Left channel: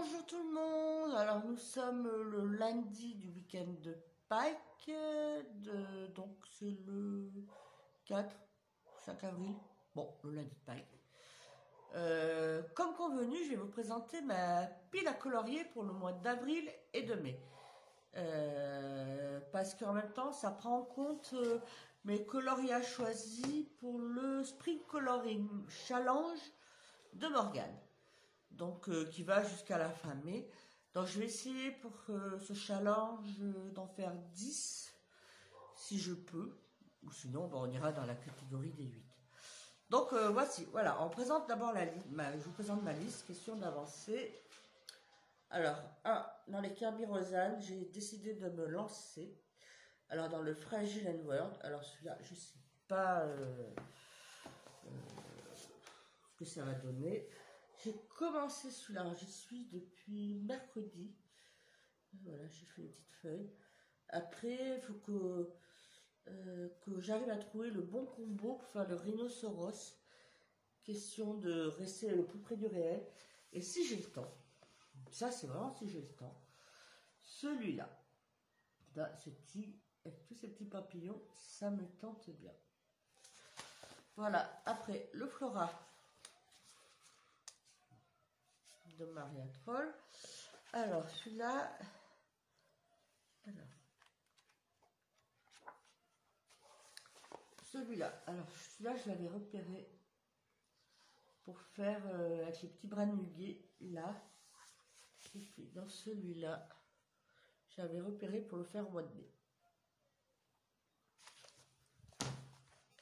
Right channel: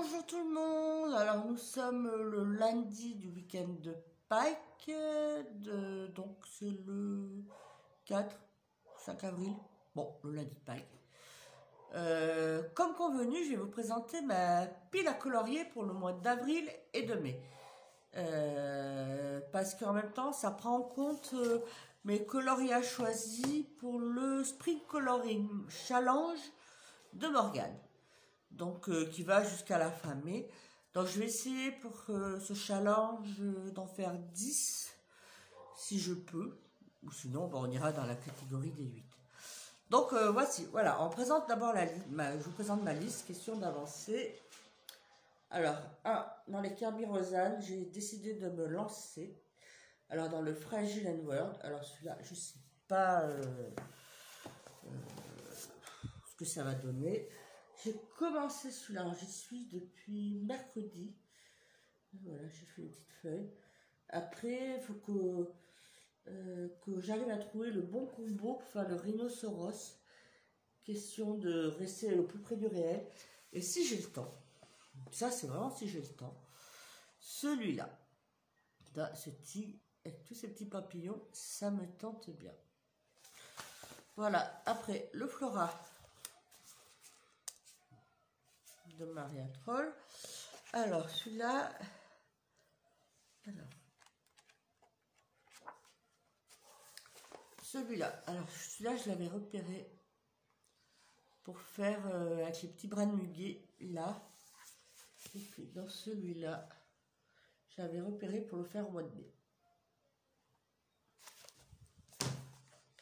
Bonjour tout le monde, alors nous sommes le lundi du week-end de Pâques, donc c'est le 5 avril, bon le lundi de Pâques. Comme convenu, je vais vous présenter ma pile à colorier pour le mois d'avril et de mai. Parce qu'en même temps ça prend en compte mes coloriages choisis pour le Spring Coloring Challenge de Morgane. Donc qui va jusqu'à la fin mai. Donc je vais essayer pour ce challenge d'en faire 10 si je peux, ou sinon on ira dans la catégorie des 8. Donc voici, voilà, on présente d'abord je vous présente ma liste, question d'avancer. Alors, dans les Kirby Rosanne, j'ai décidé de me lancer. Alors dans le Fragile and World, alors celui-là, je sais pas ce que ça va donner. J'ai commencé celui-là, j'y suis depuis mercredi. Voilà, j'ai fait une petite feuille. Après, il faut que j'arrive à trouver le bon combo pour faire le rhinocéros. Question de rester le plus près du réel. Et si j'ai le temps, ça c'est vraiment si j'ai le temps, celui-là, ce tigre avec tous ces petits papillons, ça me tente bien. Voilà, après le Flora de Maria Troll. Alors celui-là, alors celui-là je l'avais repéré pour faire avec les petits brins de muguet là. Et puis dans celui-là, j'avais repéré pour le faire au mois de mai.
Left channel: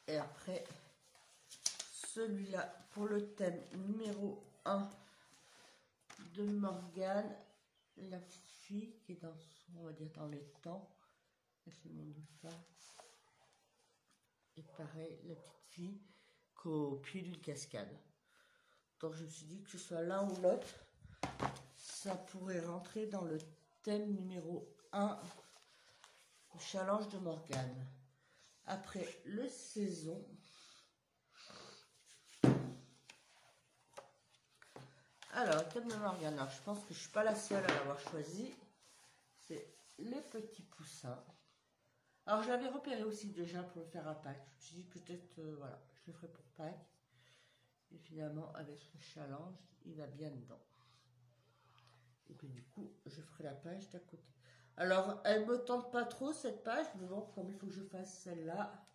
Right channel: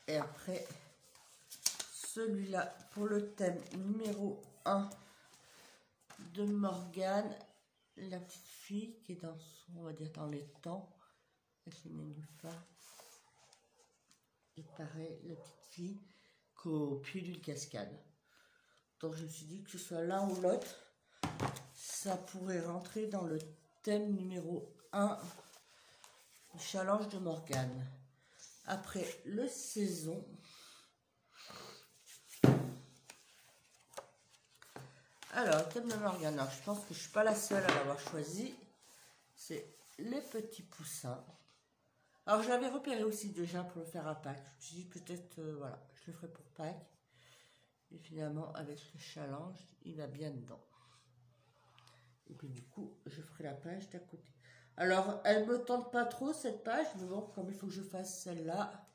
Et après celui-là pour le thème numéro 1 de Morgane, la petite fille qui est dans son, on va dire dans les temps, avec les nénuphars. Et pareil, la petite fille qu'au pied d'une cascade. Donc je me suis dit que ce soit l'un ou l'autre, ça pourrait rentrer dans le thème numéro 1 du challenge de Morgane. Après le saison, alors le thème de Morgane, alors je pense que je ne suis pas la seule à l'avoir choisi, c'est les petits poussins. Alors je l'avais repéré aussi déjà pour le faire à Pâques. Je me suis dit peut-être, voilà, je le ferai pour Pâques. Et finalement, avec le challenge, il va bien dedans. Et puis du coup, je ferai la page d'à côté. Alors, elle me tente pas trop cette page, mais bon, comme il faut que je fasse celle-là.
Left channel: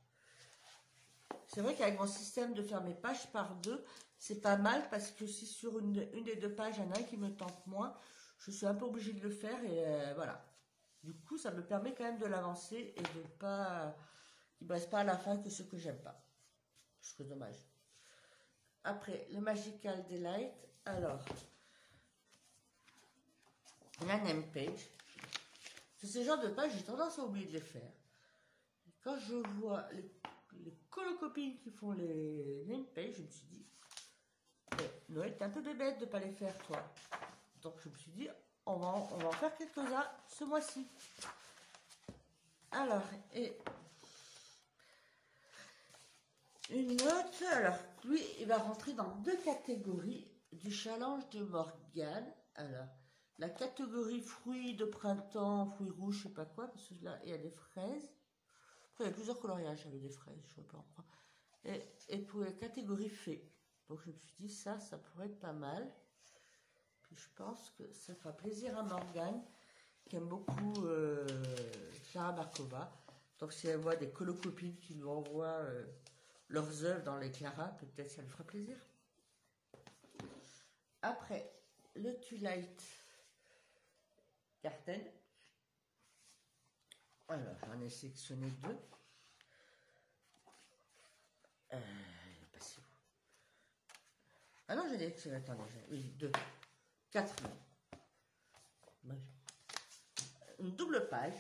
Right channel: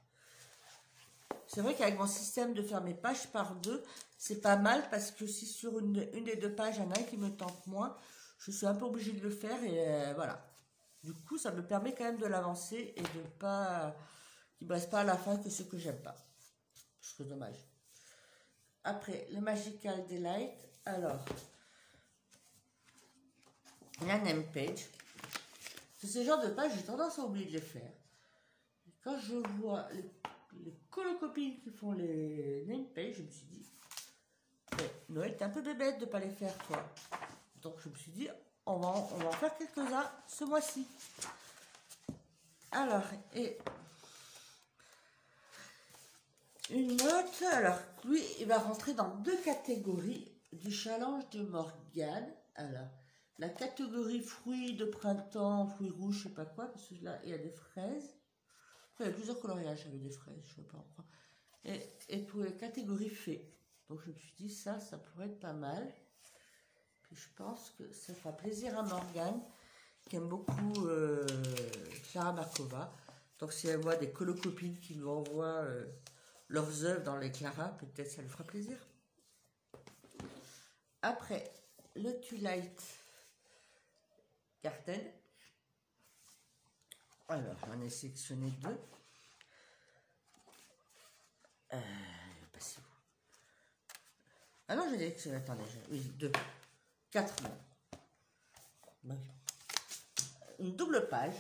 C'est vrai qu'avec mon système de faire mes pages par deux, c'est pas mal parce que si sur une des deux pages, il y en a un qui me tente moins, je suis un peu obligée de le faire et voilà. Du coup, ça me permet quand même de l'avancer et de pas qu'il ne reste pas à la fin que ce que j'aime pas. Je trouve dommage. Après, le Magical Delight. Alors, il y a un name page. C'est ce genre de page, j'ai tendance à oublier de les faire. Quand je vois les colocopines qui font les name pages, je me suis dit, Noël, t'es un peu bébête de ne pas les faire, toi. Donc, je me suis dit, on va en faire quelques-uns ce mois-ci. Alors, et une note, alors, lui, il va rentrer dans deux catégories du challenge de Morgane. Alors, la catégorie fruits de printemps, fruits rouges, je sais pas quoi, parce que là, il y a des fraises. Enfin, il y a plusieurs coloriages avec des fraises, je sais pas. Et pour la catégorie fées. Donc, je me suis dit, ça pourrait être pas mal. Puis, je pense que ça fera plaisir à Morgane, qui aime beaucoup Clara Markova. Donc, si elle voit des colocopines qui lui envoient leurs œuvres dans les Clara, peut-être ça lui fera plaisir. Après, le Twilight Garden. Alors, j'en ai sélectionné deux. Ah non, j'ai dit, attendez, deux. 4 mots. Une double page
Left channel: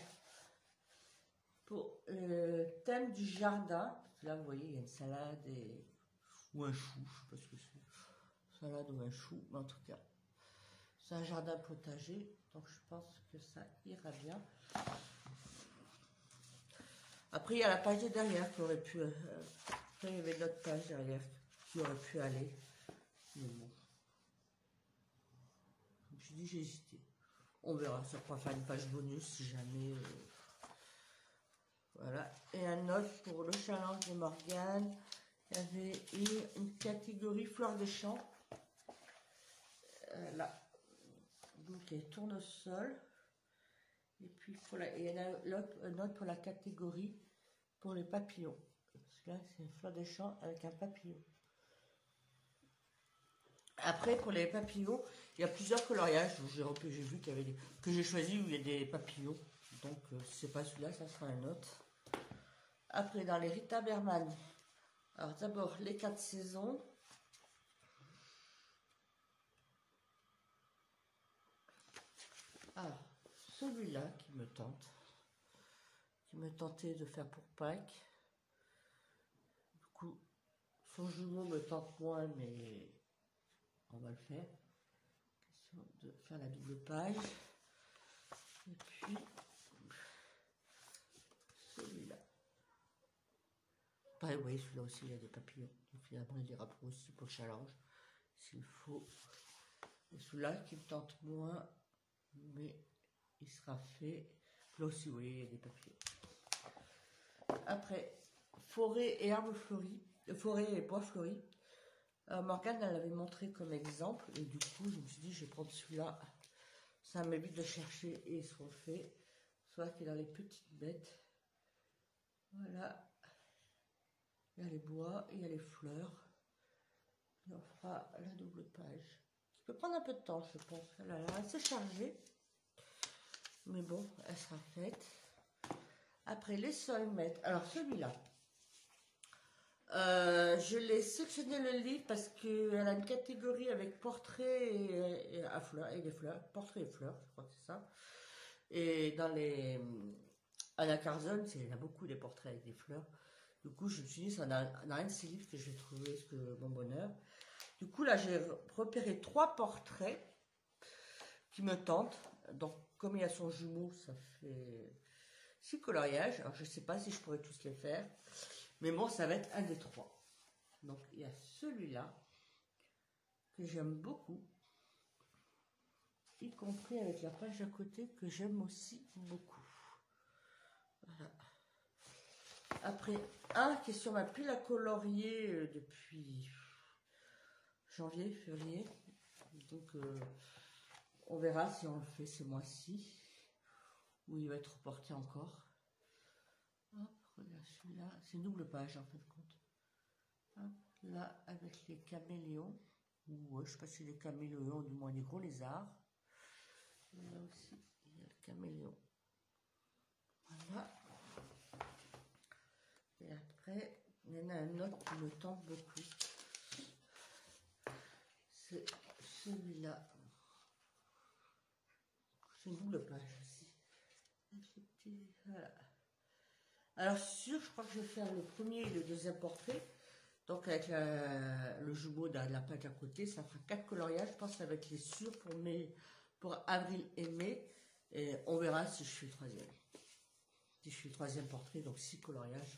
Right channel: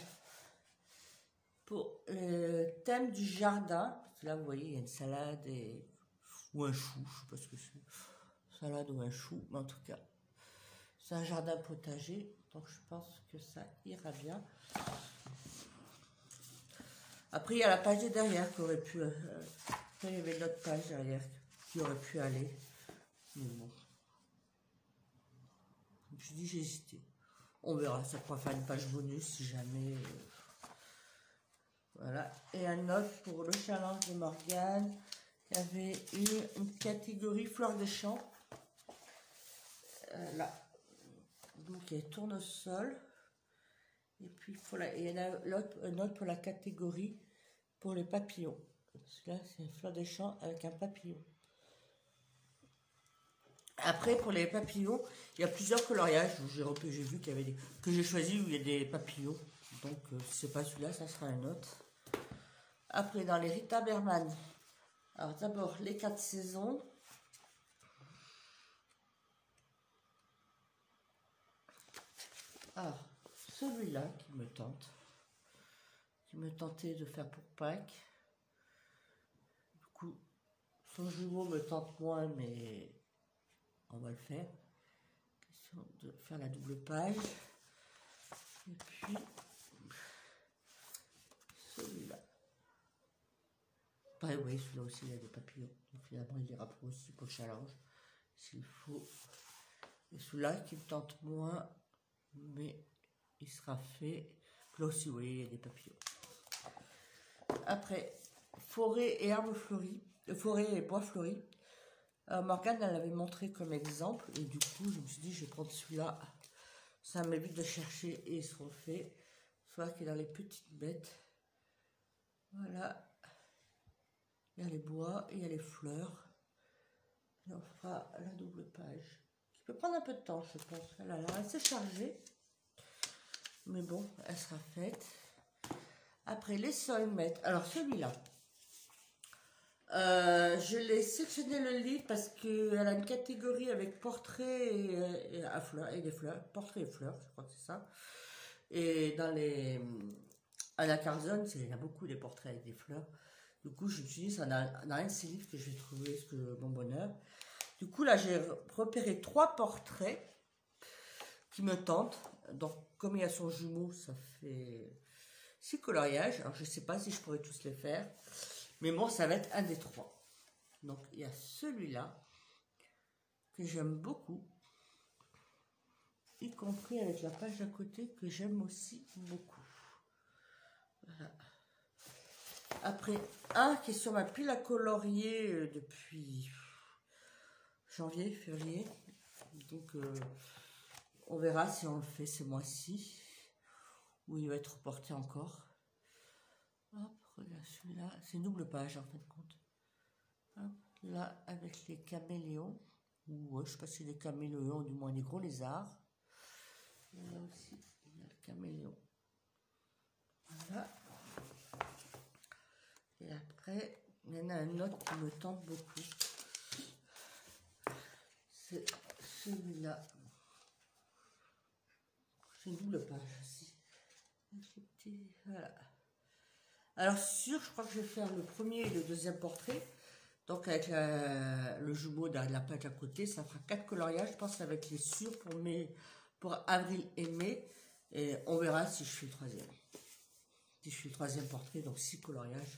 pour le thème du jardin. Là, vous voyez, il y a une salade ou un chou, je ne sais pas ce que c'est. Salade ou un chou, mais en tout cas, c'est un jardin potager, donc je pense que ça ira bien. Après, il y a la page derrière qui aurait pu... il y avait l'autre page derrière qui aurait pu aller. Mais bon. me suis dit, j'ai hésité. On verra, ça pourra faire une page bonus si jamais. Voilà. Et un autre pour le challenge de Morgane. Il y avait une catégorie fleurs des champs. Là. Donc, il y a tournesol. Et puis, il y en a un autre pour la catégorie pour les papillons. Là, c'est une fleur des champs avec un papillon. Après, pour les papillons, il y a plusieurs coloriages. J'ai vu qu'il y avait des que j'ai choisi où il y a des papillons. Donc, si c'est pas celui-là, ça sera un autre. Après, dans les Rita Berman, alors d'abord les 4 saisons. Alors, celui-là qui me tentait de faire pour Pâques. Du coup, son jumeau me tente moins, mais on va le faire. Question de faire la double page. Et puis, celui-là. Pareil, oui, celui-là aussi, il y a des papillons. Donc finalement, il ira pour aussi pour le challenge, s'il faut. Et celui-là qui me tente moins, mais il sera fait. Là aussi, oui, il y a des papillons. Après, forêt et arbres fleuris, forêt et bois fleuris. Morgane, elle l'avait montré comme exemple, et du coup, je me suis dit, je vais prendre celui-là. Ça m'évite de chercher et ils seront faits. Soit qui est dans les petites bêtes. Voilà. Il y a les bois et il y a les fleurs. Et on fera la double page. Qui peut prendre un peu de temps, je pense. Elle est assez chargée. Mais bon, elle sera faite. Après, les sols-mètres. Alors, celui-là. Je l'ai sélectionné le livre parce qu'elle a une catégorie avec portrait et des fleurs. Portrait et fleurs, je crois que c'est ça. Et dans les... À la Carzone, il y a beaucoup des portraits avec des fleurs. Du coup, je me suis dit, ça n'a un de ces livres que j'ai trouvé mon bonheur. Du coup, là, j'ai repéré 3 portraits qui me tentent. Donc, comme il y a son jumeau, ça fait 6 coloriages. Alors, je ne sais pas si je pourrais tous les faire. Mais bon, ça va être un des 3. Donc, il y a celui-là que j'aime beaucoup. Y compris avec la page d'à côté que j'aime aussi beaucoup. Voilà. Après, un qui est sur ma pile à colorier depuis janvier, février. Donc, on verra si on le fait ce mois-ci. Ou il va être reporté encore. Hop, regarde celui-là. C'est une double page en fin de compte. Hop, là, avec les caméléons. Ou je ne sais pas si c'est des caméléons, du moins des gros lézards. Et là aussi, il y a le caméléon. Voilà. Et après, il y en a un autre qui me tente beaucoup. C'est celui-là. C'est une double page aussi. Voilà. Alors sûr, je crois que je vais faire le premier et le deuxième portrait. Donc avec le jumeau dans la page à côté, ça fera 4 coloriages. Je pense avec les sûrs pour avril et mai. Et on verra si je suis le troisième. Si je suis le troisième portrait, donc 6 coloriages.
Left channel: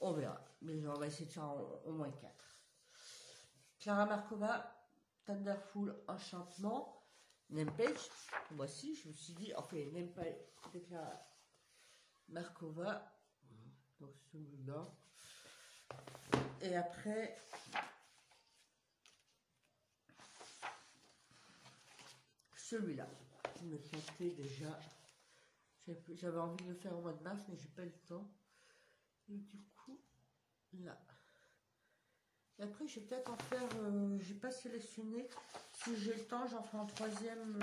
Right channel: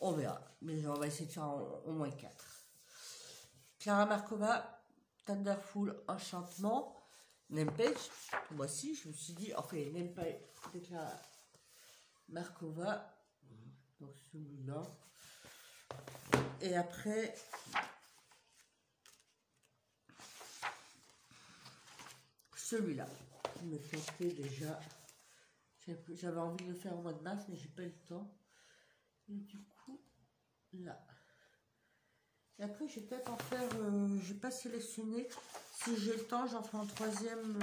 On verra. Mais on va essayer de faire au moins 4. Clara Markova, Thunderful Enchantement. Nempage, moi aussi, je me suis dit, enfin, Nempage de Clara Markova. Donc celui-là. Et après, celui-là, qui me tentait déjà. J'avais envie de le faire au mois de mars, mais j'ai pas eu le temps. Et du coup, là. Et après, je vais peut-être en faire, je n'ai pas sélectionné. Si j'ai le temps, j'en ferai un troisième.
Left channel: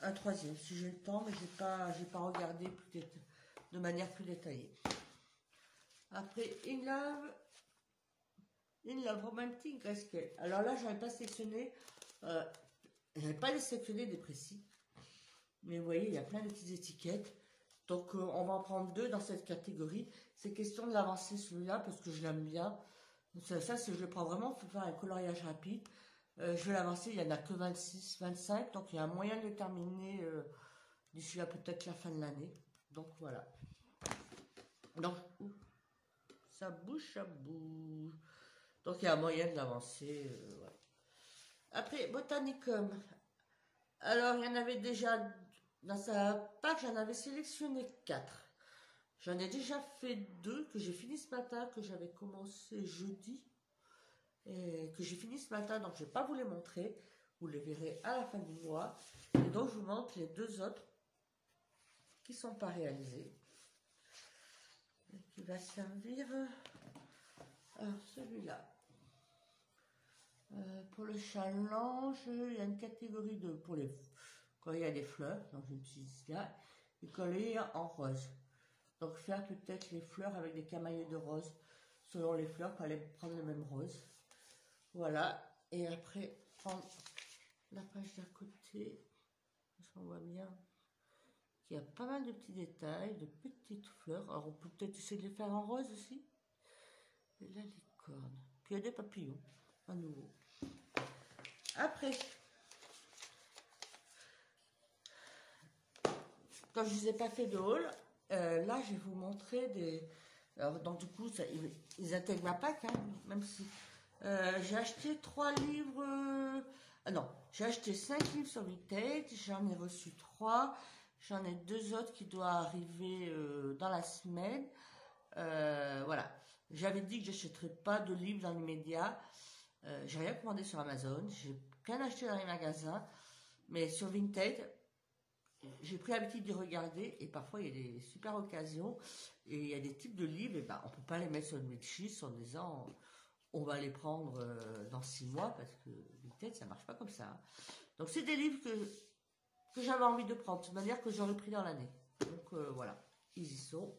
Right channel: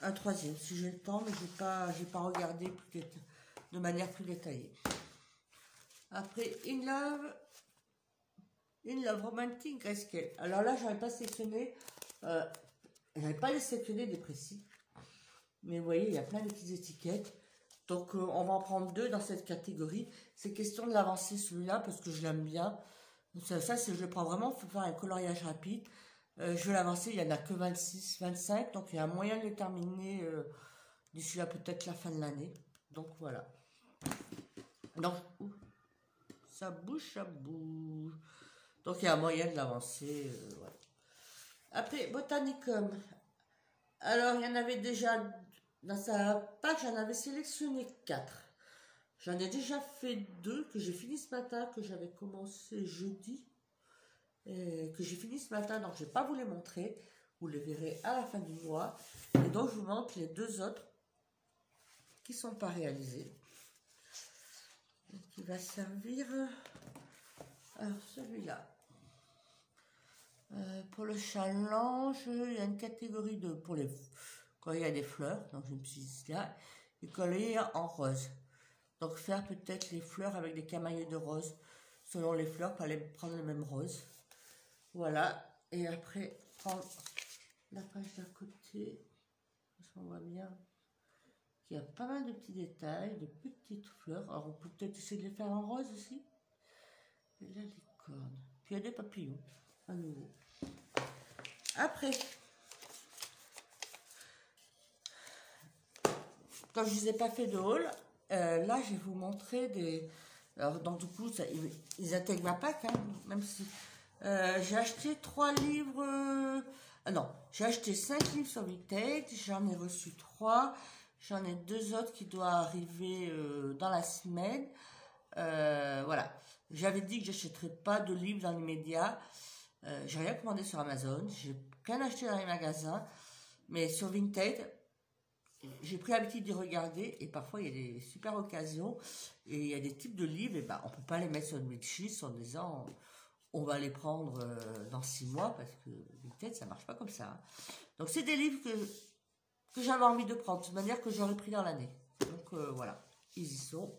Un troisième, si j'ai le temps, mais j'ai pas regardé de manière plus détaillée. Après, In Love Romantic Grayscale. Alors là, j'avais pas sélectionné, j'avais pas sélectionné des précis. Mais vous voyez, il y a plein de petites étiquettes. Donc, on va en prendre 2 dans cette catégorie. C'est question de l'avancer celui-là parce que je l'aime bien. Ça je le prends vraiment pour faire un coloriage rapide. Je vais l'avancer, il n'y en a que 26, 25. Donc, il y a un moyen de le terminer d'ici là peut-être la fin de l'année. Donc, voilà. Donc, ça bouge, ça bouge. Donc il y a moyen de l'avancer. Voilà. Après, Botanicum. Alors, il y en avait déjà, dans sa pack, j'en avais sélectionné 4. J'en ai déjà fait 2 que j'ai fini ce matin, que j'avais commencé jeudi. Que j'ai fini ce matin, donc je ne vais pas vous les montrer. Vous les verrez à la fin du mois. Et donc, je vous montre les 2 autres qui ne sont pas réalisés. Et qui va servir... Alors, celui-là. Pour le challenge, il y a une catégorie de pour les quand il y a des fleurs, donc je me suis dit là, et coller en rose. Donc faire peut-être les fleurs avec des camailleux de rose, selon les fleurs, pas les prendre le même rose. Voilà, et après prendre la page d'à côté, on voit bien qu'il y a pas mal de petits détails, de petites fleurs. Alors on peut peut-être essayer de les faire en rose aussi. Et là les cornes, puis il y a des papillons à nouveau. Après, quand je ne vous ai pas fait de haul, là je vais vous montrer des... Alors donc du coup, ça, ils intègrent ma pack, hein, même si... j'ai acheté 3 livres... non, j'ai acheté 5 livres sur Vinted, j'en ai reçu 3, j'en ai 2 autres qui doivent arriver dans la semaine. Voilà, j'avais dit que je n'achèterais pas de livres dans l'immédiat. J'ai rien commandé sur Amazon, j'ai rien acheté dans les magasins, mais sur Vinted, j'ai pris l'habitude d'y regarder et parfois il y a des super occasions et il y a des types de livres et ben on peut pas les mettre sur une Milchis en disant on va les prendre dans 6 mois parce que Vinted ça marche pas comme ça. Donc c'est des livres que j'avais envie de prendre de manière que j'aurais pris dans l'année. Donc voilà, ils y sont.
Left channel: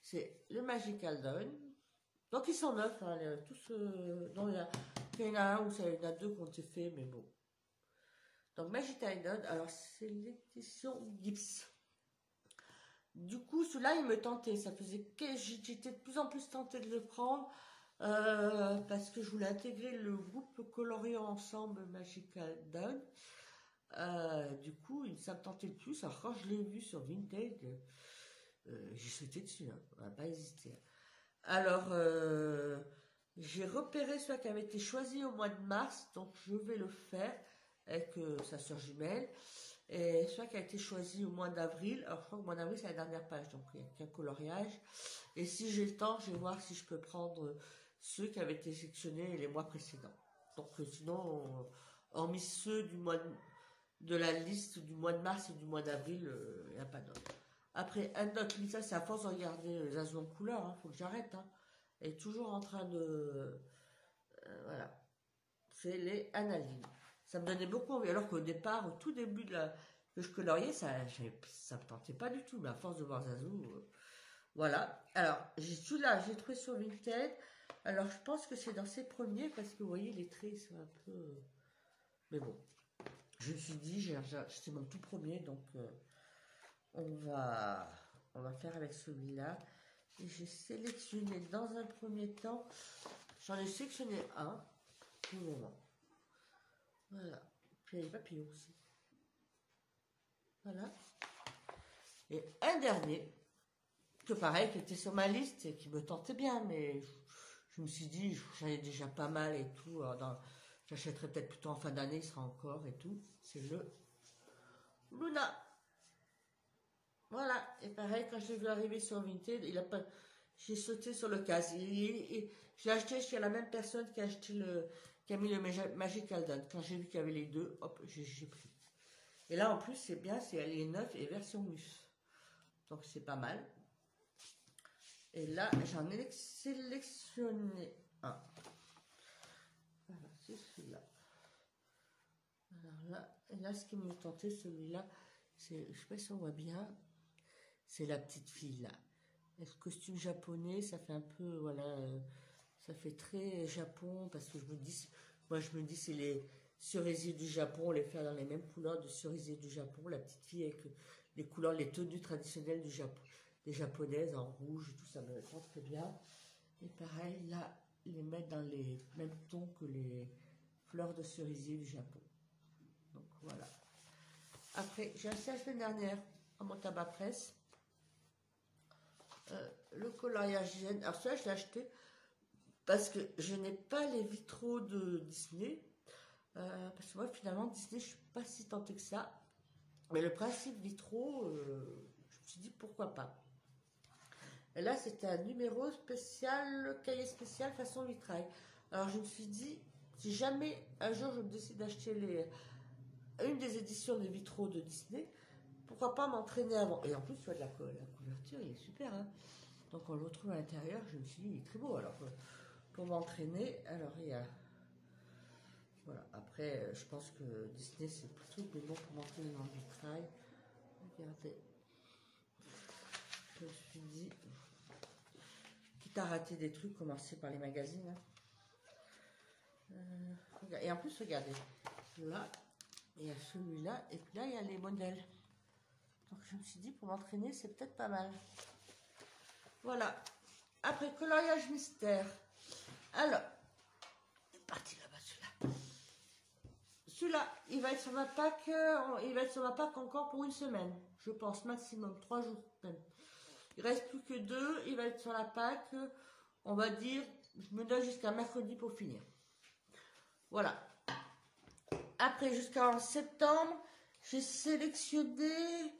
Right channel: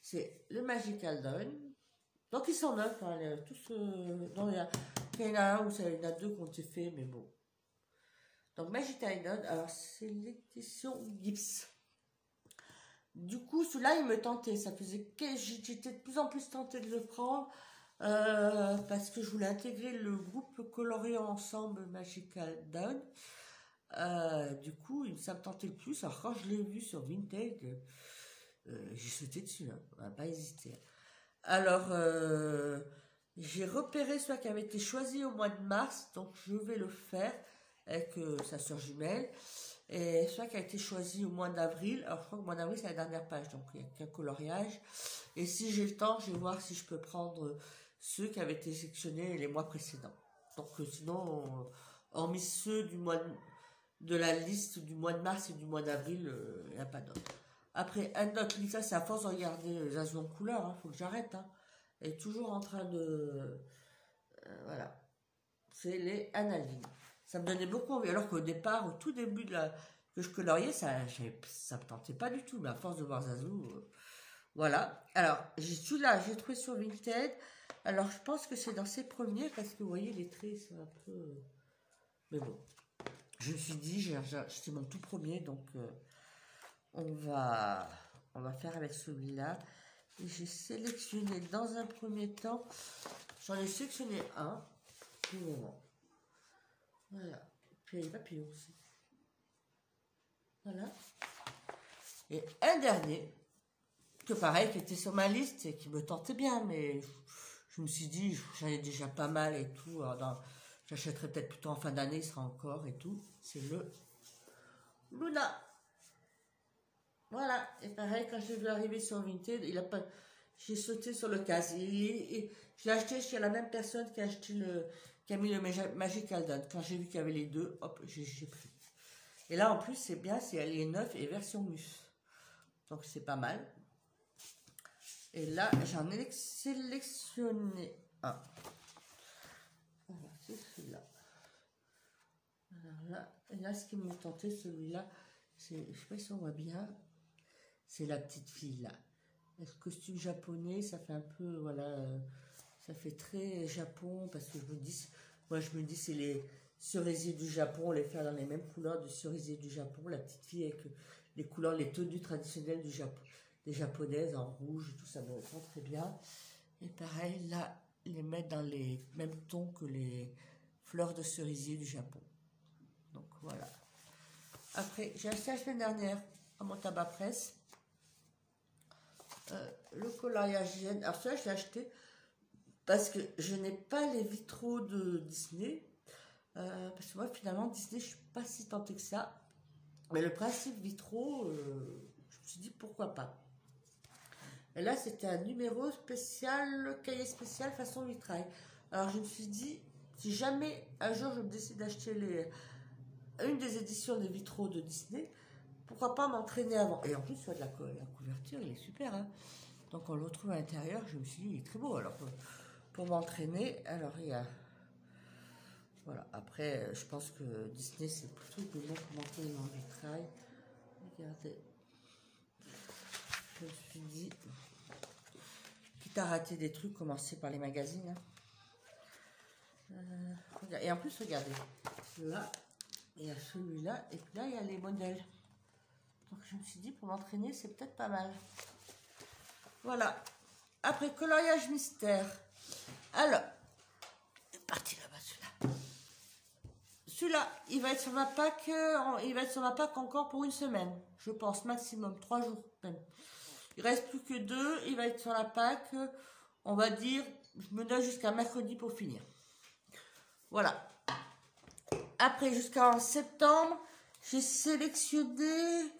C'est le Magical Dawn. Donc ils sont neufs, hein, tous. Non, il y en a un ou il y en a 2 qui ont été faits, mais bon. Donc Magical Dawn, alors c'est l'édition Gips. Du coup, celui-là, il me tentait. Ça faisait que j'étais de plus en plus tentée de le prendre parce que je voulais intégrer le groupe coloriant ensemble Magical Dawn. Du coup, ça me tentait le plus. Alors quand je l'ai vu sur Vinted, j'ai sauté dessus. Hein. On va pas hésiter. Alors, j'ai repéré celui qui avait été choisi au mois de mars, donc je vais le faire avec sa soeur jumelle. Et celui qui a été choisi au mois d'avril, alors je crois que le mois d'avril c'est la dernière page, donc il n'y a qu'un coloriage. Et si j'ai le temps, je vais voir si je peux prendre ceux qui avaient été sélectionnés les mois précédents. Donc sinon, hormis ceux de la liste du mois de mars et du mois d'avril, il n'y a pas d'autres. Après, un autre livre, ça c'est à force de regarder les azous en couleur, il faut que j'arrête. Hein. Elle est toujours en train de... voilà. C'est les Annalines. Ça me donnait beaucoup envie. Alors qu'au départ, au tout début que je coloriais, ça me tentait pas du tout. Mais à force de voir Zazou, voilà. Alors, celui-là, j'ai trouvé sur Vinted. Alors, je pense que c'est dans ses premiers parce que vous voyez, les traits, c'est un peu... mais bon. Je me suis dit, c'est mon tout premier, donc on va faire avec celui-là. Et j'ai sélectionné dans un premier temps, j'en ai sélectionné un, pour le moment. Voilà. Puis il y a les papillons aussi. Voilà. Et un dernier, que pareil, qui était sur ma liste et qui me tentait bien, mais je me suis dit, j'en ai déjà pas mal et tout. J'achèterai peut-être plutôt en fin d'année, il sera encore et tout. C'est le Luna. Voilà, et pareil, quand j'ai vu arriver sur Vinted, j'ai sauté sur le casier et je l'ai acheté chez la même personne qui a mis le Magical Dawn. Quand j'ai vu qu'il y avait les deux, hop, j'ai pris. Et là, en plus, c'est bien, elle est neuve et version mus. Donc, c'est pas mal. Et là, j'en ai sélectionné un. Voilà, c'est celui-là. Alors là, et là, ce qui me tentait, celui-là, je ne sais pas si on voit bien, c'est la petite fille là. Le costume japonais, ça fait un peu, voilà, ça fait très Japon, parce que moi je me dis c'est les cerisiers du Japon, on les fait dans les mêmes couleurs de cerisiers du Japon, la petite fille avec les couleurs, les tenues traditionnelles du Japon, des japonaises en rouge, tout ça me répond très bien. Et pareil, là, les mettre dans les mêmes tons que les fleurs de cerisier du Japon. Donc voilà. Après, j'ai acheté la semaine dernière à mon tabac presse le coloriage. Alors ça, je l'ai acheté parce que je n'ai pas les vitraux de Disney. Parce que moi, finalement, Disney, je suis pas si tentée que ça. Mais le principe vitraux, je me suis dit pourquoi pas. Et là, c'était un numéro spécial, cahier spécial façon vitrail. Alors, je me suis dit, si jamais un jour je me décide d'acheter une des éditions des vitraux de Disney, pourquoi pas m'entraîner avant. Et en plus, la couverture, il est super. Hein. Donc, on le retrouve à l'intérieur. Je me suis dit, il est très beau. Alors, pour m'entraîner, alors il y a... Voilà, après, je pense que Disney, c'est plutôt bon pour m'entraîner en vitrail. Regardez. Je me suis dit, quitte à rater des trucs, commencer par les magazines. Et en plus, regardez, là, il y a celui-là, et puis là, il y a les modèles. Donc, je me suis dit, pour m'entraîner, c'est peut-être pas mal. Voilà. Après, coloriage mystère. Alors, il est parti là-bas, celui-là. Celui-là, il va être sur ma pack, encore pour une semaine. Je pense, maximum, 3 jours même. Il reste plus que 2, il va être sur la pack. On va dire, je me donne jusqu'à mercredi pour finir. Voilà. Après, jusqu'en septembre, j'ai sélectionné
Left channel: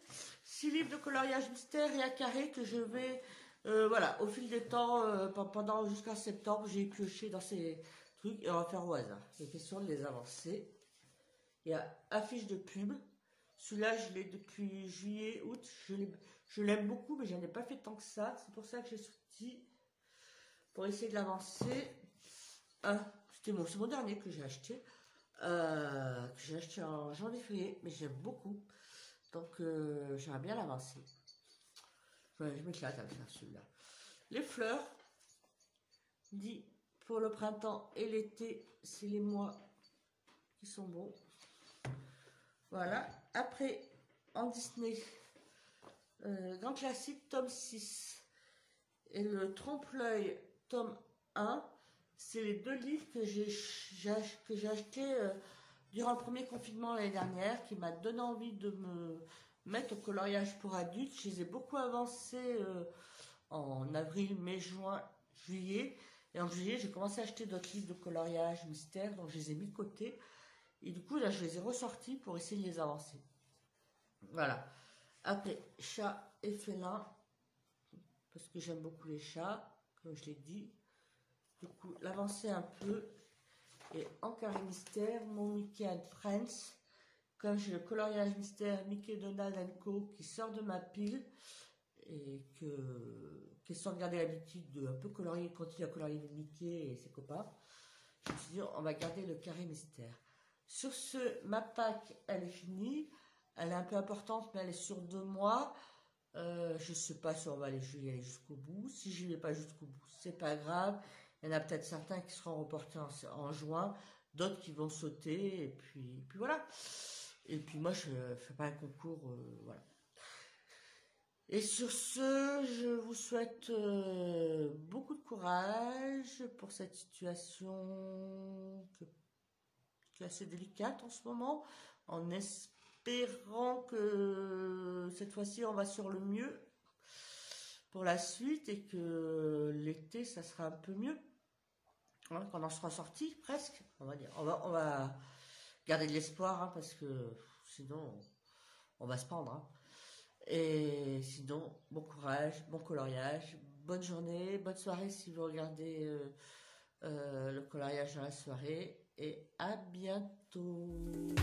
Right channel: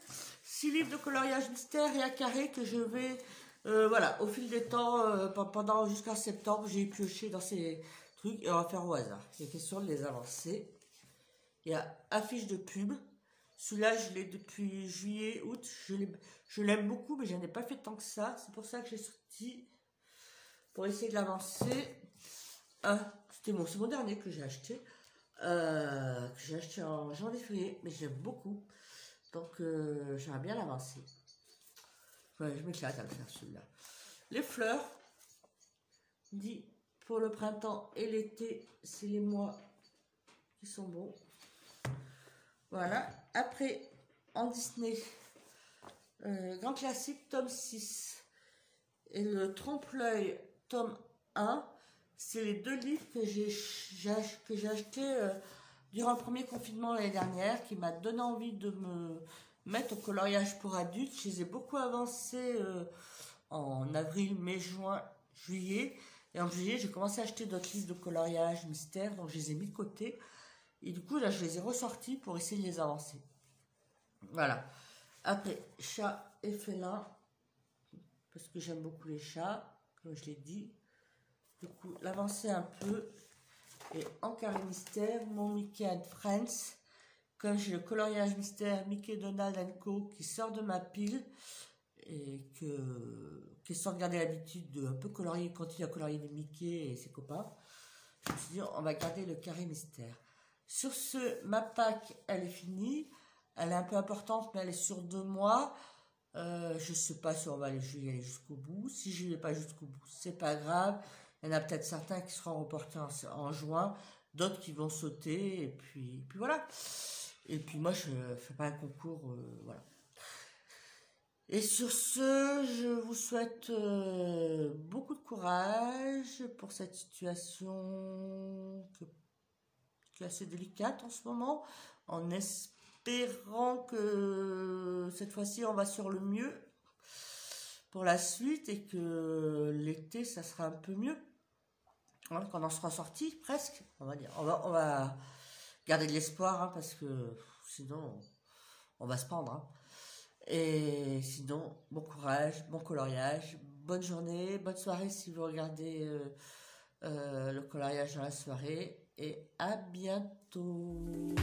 6 livres de coloriage mystère et à carré que je vais, voilà, au fil des temps, pendant jusqu'à septembre, j'ai pioché dans ces trucs et on va faire au hasard. Il est question de les avancer. Il y a affiche de pub. Celui-là, je l'ai depuis juillet, août. Je l'aime beaucoup, mais je n'en ai pas fait tant que ça. C'est pour ça que j'ai sorti pour essayer de l'avancer. C'est mon dernier que j'ai acheté. En janvier-février, mais j'aime beaucoup. Donc, j'aimerais bien l'avancer. Ouais, je m'éclate à faire celui-là. Les fleurs, dit pour le printemps et l'été, c'est les mois qui sont bons. Voilà. Après, en Disney, grand classique, tome 6. Et le trompe-l'œil, tome 1. C'est les 2 livres que j'ai achetés durant le premier confinement l'année dernière, qui m'a donné envie de me mettre au coloriage pour adultes. Je les ai beaucoup avancés en avril, mai, juin, juillet. Et en juillet, j'ai commencé à acheter d'autres livres de coloriage mystère, donc je les ai mis de côté. Et du coup, là, je les ai ressortis pour essayer de les avancer. Voilà. Après, chat et félin, parce que j'aime beaucoup les chats, comme je l'ai dit. Du coup, l'avancer un peu. Et en carré mystère, mon Mickey and Friends. Comme j'ai le coloriage mystère Mickey, Donald & Co. qui sort de ma pile. Et qui sont regardés l'habitude de un peu colorier, continuer à colorier les Mickey et ses copains. Je me suis dit, on va garder le carré mystère. Sur ce, ma pack, elle est finie. Elle est un peu importante, mais elle est sur 2 mois. Je ne sais pas si on va aller jusqu'au bout. Si je n'y vais pas jusqu'au bout, c'est pas grave. Il y en a peut-être certains qui seront reportés en juin, d'autres qui vont sauter, et puis voilà. Et puis moi, je ne fais pas un concours, voilà. Et sur ce, je vous souhaite beaucoup de courage pour cette situation qui est assez délicate en ce moment, en espérant que cette fois-ci, on va sur le mieux pour la suite et que l'été, ça sera un peu mieux. Hein, quand on sera sorti, presque, on va dire. On va garder de l'espoir, hein, parce que sinon, on va se pendre. Hein. Et sinon, bon courage, bon coloriage, bonne journée, bonne soirée si vous regardez le coloriage dans la soirée. Et à bientôt.